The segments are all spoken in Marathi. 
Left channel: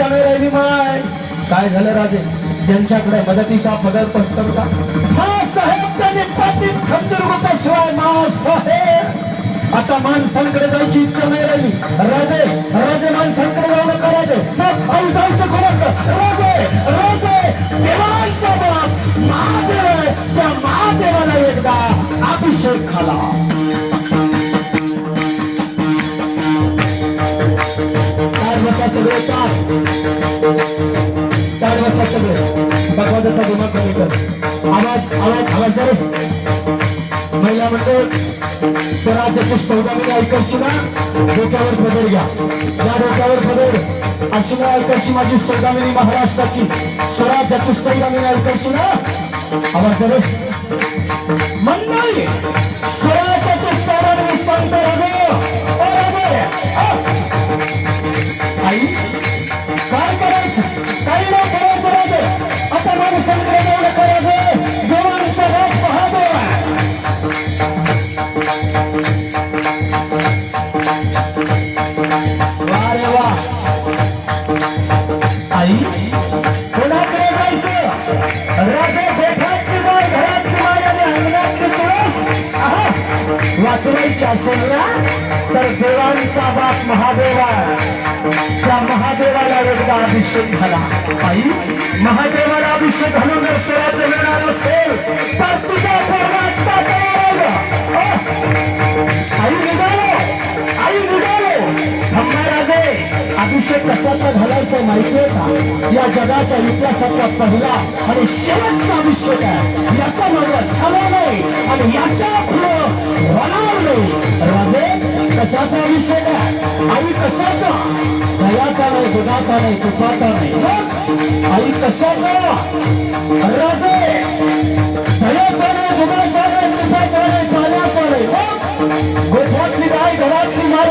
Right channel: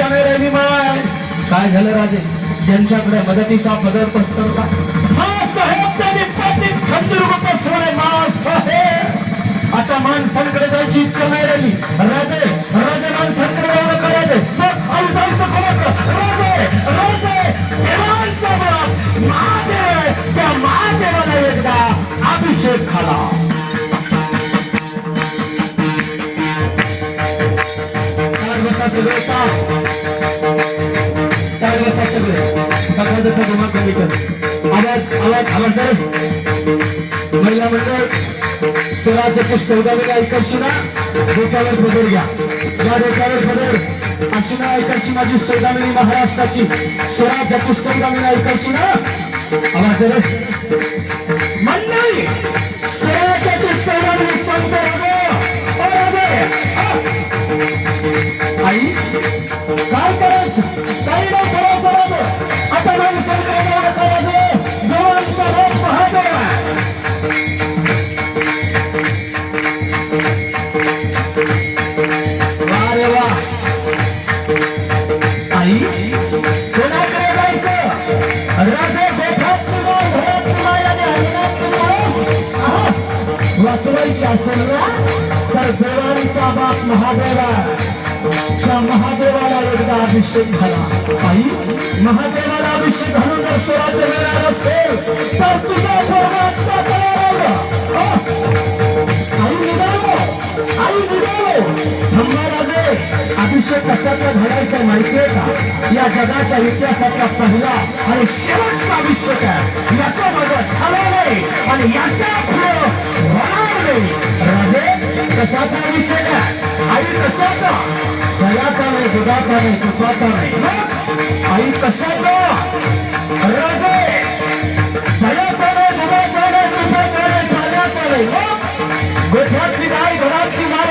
माणसांकडे जायची राहिली माय काय झालं राजे? ज्यांच्याकडे मदतीचा पदर पसरता हा साहेब त्याने पाटील खंजीर मा साहेब आता माणसांकडे जायची इच्छा नाही राहिली. राजे राजे माणसांकडे करायचे मग आई राजे सगळे तास चार बसा सगळे. बघा देता कमी कर. आवाज आवाज आवाज जाय महिला मंडळ स्वराज्याची सौदावी ऐकायची ना डोक्यावर पदर घ्या. या डोक्यावर पदर ऐकायची माझी सौदामिनी महाराष्ट्राची. स्वराज्याची सौदामिनी ऐकायची ना. आवाज रे मंडळी स्वराज्याची सौदामिनी संत नाही आहा. वाचवायची असेल ना तर देवांचा बाप महादेवा त्या महादेवाला एकदा अभिषेक झाला आई महादेवाला अभिषेक घालून अभिषेक कशाचा घडायचा माहितीये का? या जगाच्या इतिहासातला पहिला आणि शेवटचा अभिषेक आहे याचा माझा झाला नाही आणि याच्यापुढे होणार नाही राजे कशाचा अभिषेक आहे आई कशाचा? भयाचा नाही दुधाचा नाही तुपाचा नाही. आई कशाचा? राजे भयाचा नाही दुधाचा नाही तुपाचा नाही पाण्याचा नाही. गोठ्यातली गाय घरातली गाय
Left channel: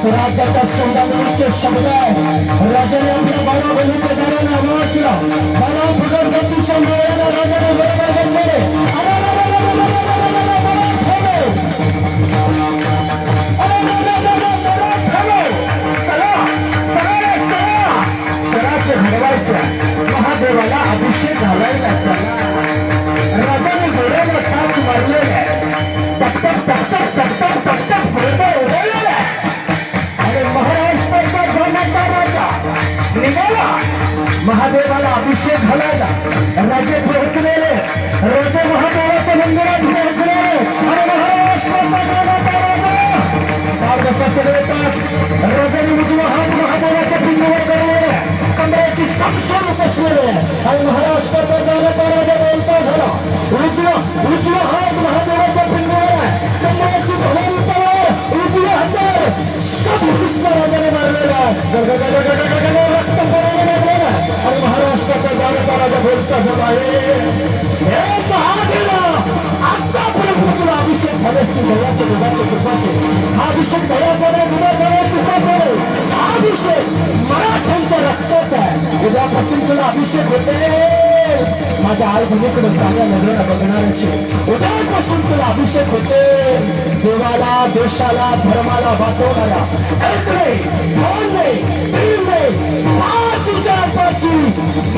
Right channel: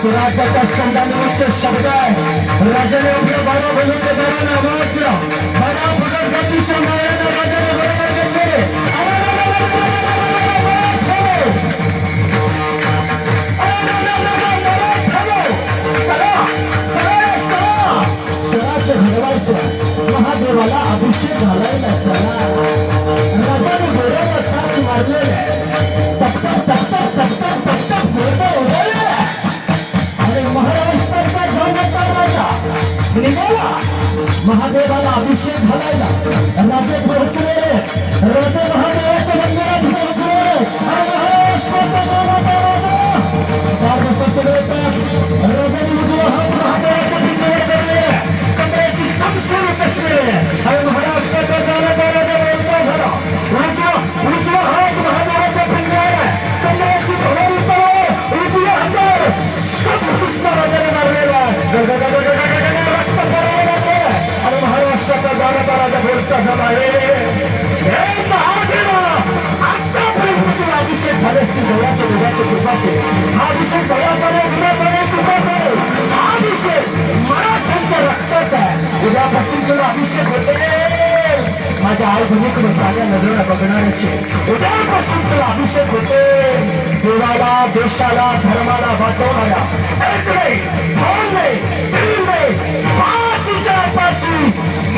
स्वराज्याच्या शब्दाने शब्द आहे राजाने आपला बाबा बनून ते बाबाने आवाज बाबा भगत राजाने बरोबर केले महादेवाला अभिषेक घालायला महादेवाला अभिषेक घालायला. राजे राजा बोलता आतापर्यंत अभिषेक झाले असतील देवाचे देवाचे कृपाचे हा अभिषेक दयाचा नाही गुणाचा नाही कृपाचा नाही हा अभिषेक मराठ्यांच्या रक्ताचा आहे उद्यापासून तुला अभिषेक होते माझ्या आई बहिणीकडे नजरेला बघणाऱ्याचे उद्यापासून तुला अभिषेक होते देवाला देशाला धर्माला वाचवणाऱ्या एक नाही दोन नाही तीन नाही